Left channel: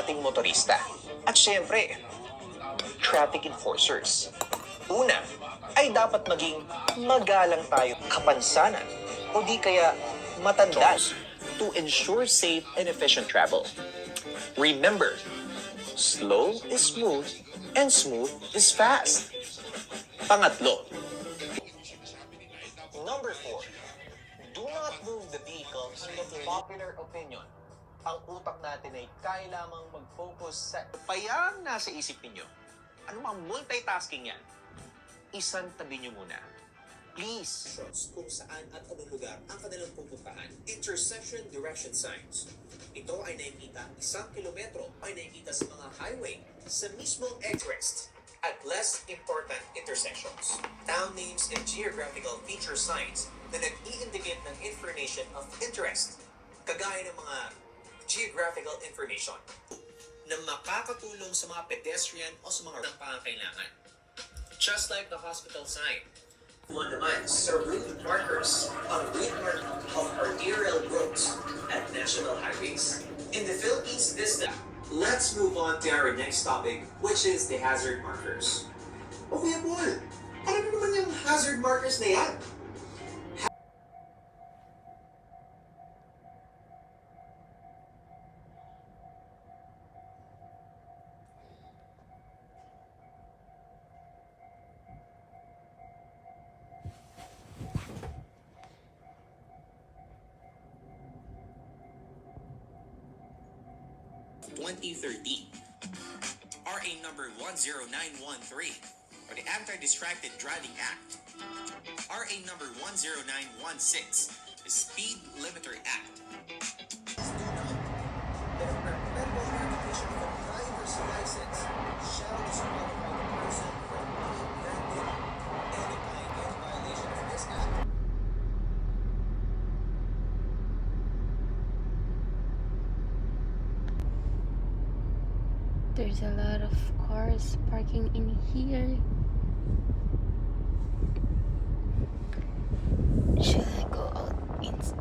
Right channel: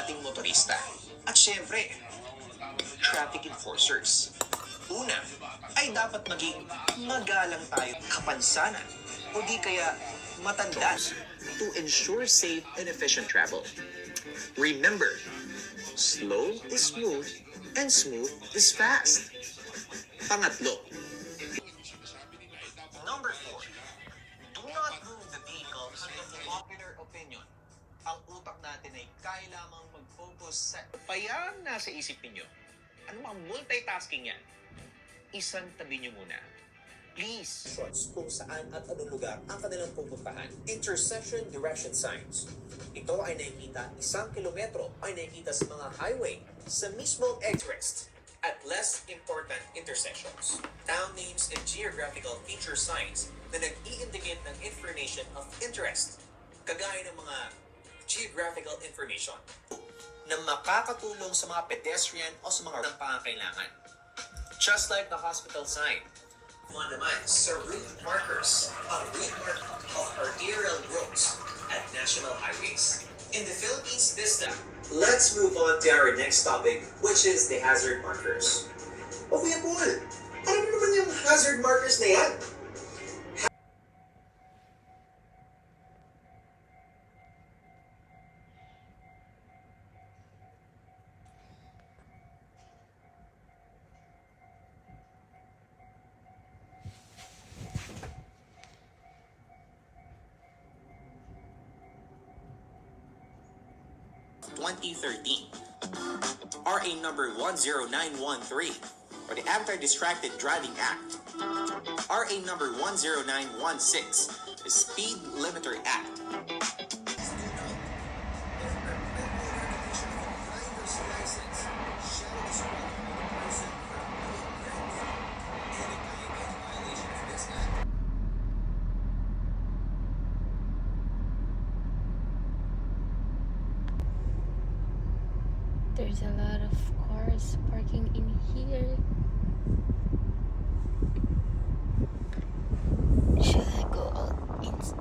nating motorista. At syempre, traffic enforcers. Una, ay dapat maging magalang tayo kapansanan o di kaya matanda to ensure safe and efficient travel. Remember, slow is smooth and smooth is fast. Pangatlo, number 4, do not move the vehicles with popular opinion. Ang utak natin ay kaya lamang mag-focus sa payang nasa isip ninyo. Ano mang multitasking yan? Isang tabi nyo muna. Please. Kung saan at anong lugar ang kanilang pupuntahan. Intersection direction signs. Ito ay nakikita 1 kilometro ay nakikita sa mga highway sa mismong interest at less important intersections. Town names and geographical feature signs na nag-i-indicate ng information of interest, kagaya ng mga geographical information na makakatulong sa mga pedestrian o sa mga pangangailangan. Just like the hospital sign, mga naman sa route markers ang route mark of arterial roads at national highways. In the Philippines this time, let's move on to our next topic, which is the hazard markers. O Kuya Paul, ano naman yung hazard markers na yan? RA number 10913, or the Anti-Distracted Driving Act. RA number 10916, the Speed Limiter Act. There's a lot of cars parking in here. Should I go out inside?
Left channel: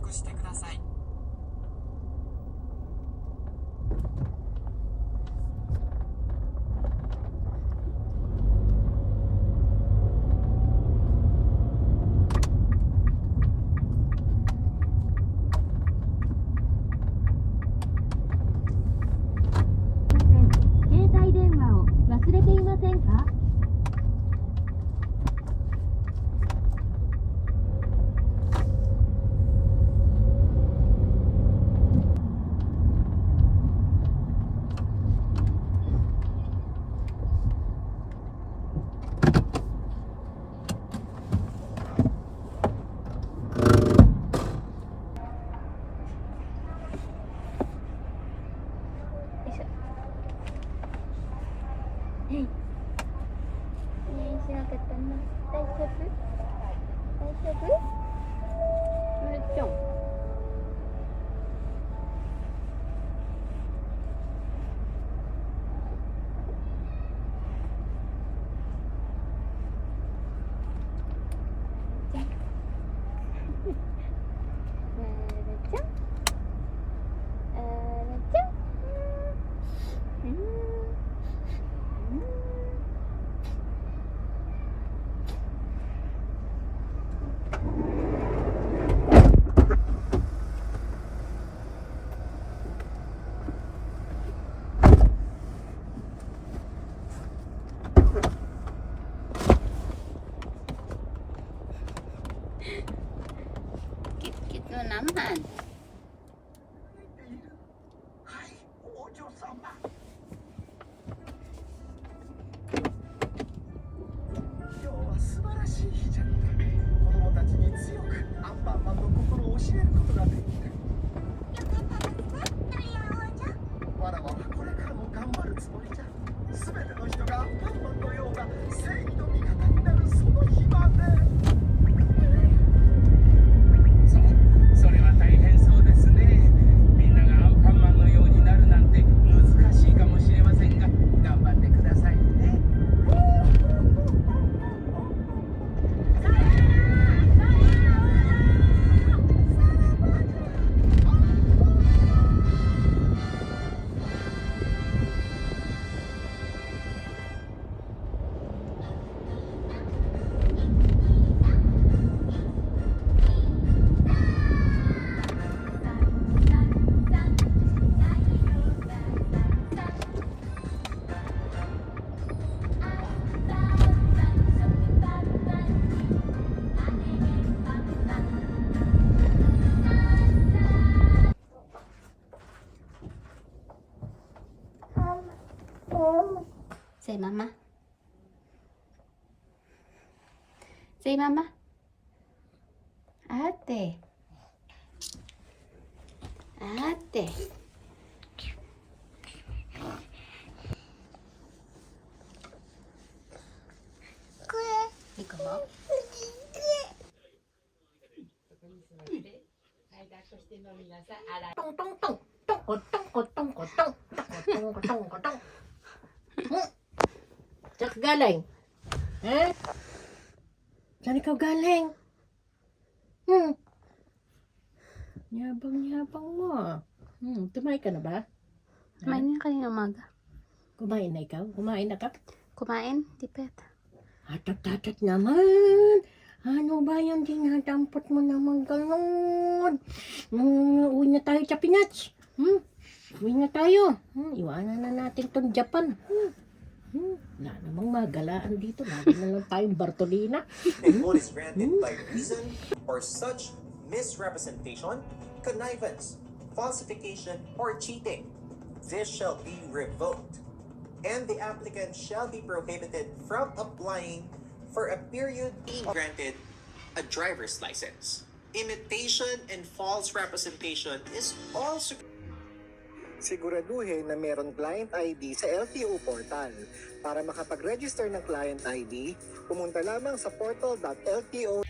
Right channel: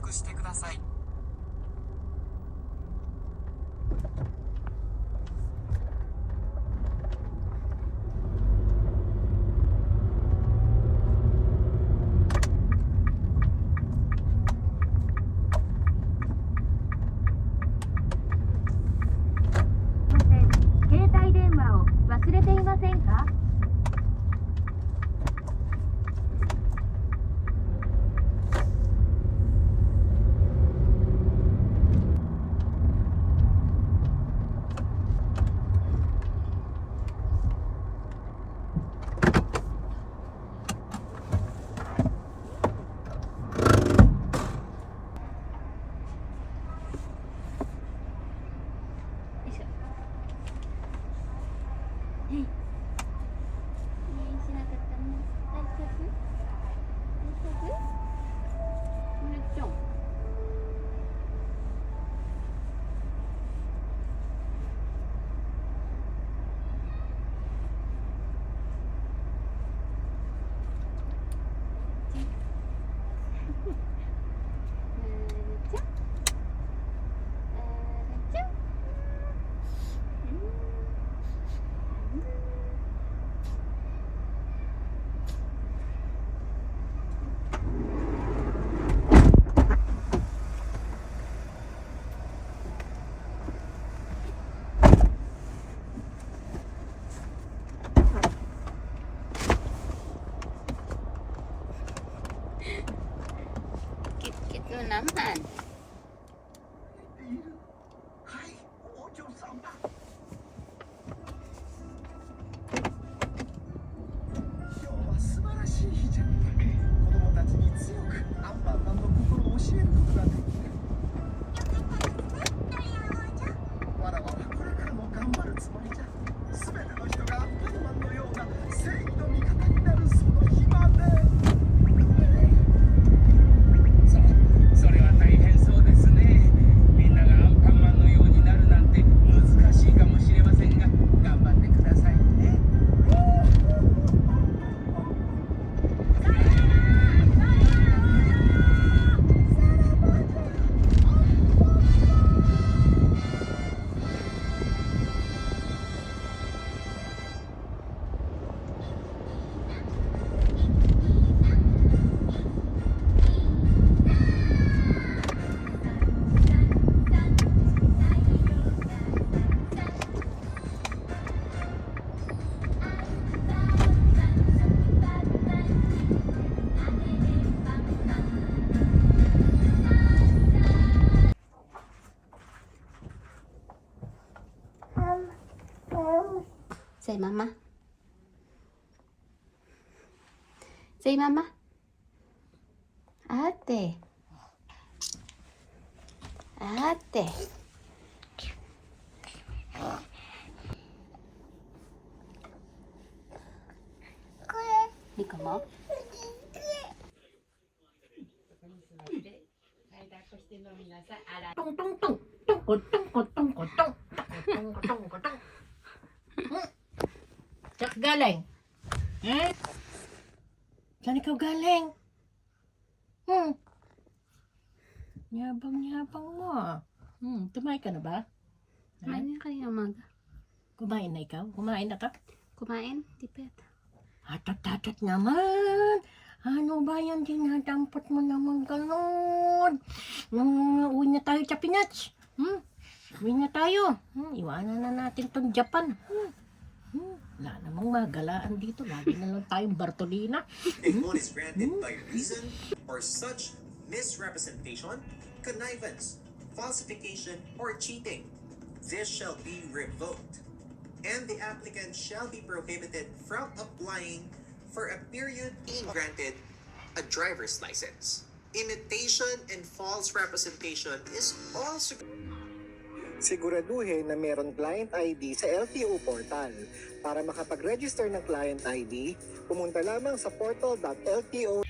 索してください。携帯電話を忘れていませんか？しなくても大丈夫？大丈夫？まるちゃん。Kit-kit mo naman. はい、お嬢様。今日は素晴らしい日じゃ。子供たちに強くアンパンマンの心を教えることができる。わらわはこれからも頑張るつもりじゃ。すべての人がアンパンマンのような正義の味方になるその日まで。それは大変そうですね。みんながアンパンマンのようになるなんて難しいかもしれませんが、頑張ってくださいね。Say mama. Say mama. Ate. Ate. Ikaw mo? Saan ka galing? Eh? Saan ikaw galing? Yabang-yabang mo. Tumain ka na ba? Kumain na kanina umaga. Kumain na ikaw? Kumain na ka? Kumain? Tipet. Atot-atot naman. Ano ba yung dinadampot mo naman gano'n? Uwi na tayo sa Pinas. Uwi na tayo. Iwanan na natin tong Japan. Wala namang magalaan dito. Lagi na lang tayong Bartolina. If one is granted by reason or such misrepresentation, connivance, falsification, or cheating, this shall be revoked, and the applicant shall be prohibited from applying for a period being granted a driver's license. Imitation and false representation is also Siguraduhin na meron client ID sa LTO portal. Para makapag-register ng client ID, pumunta lamang sa portal.lto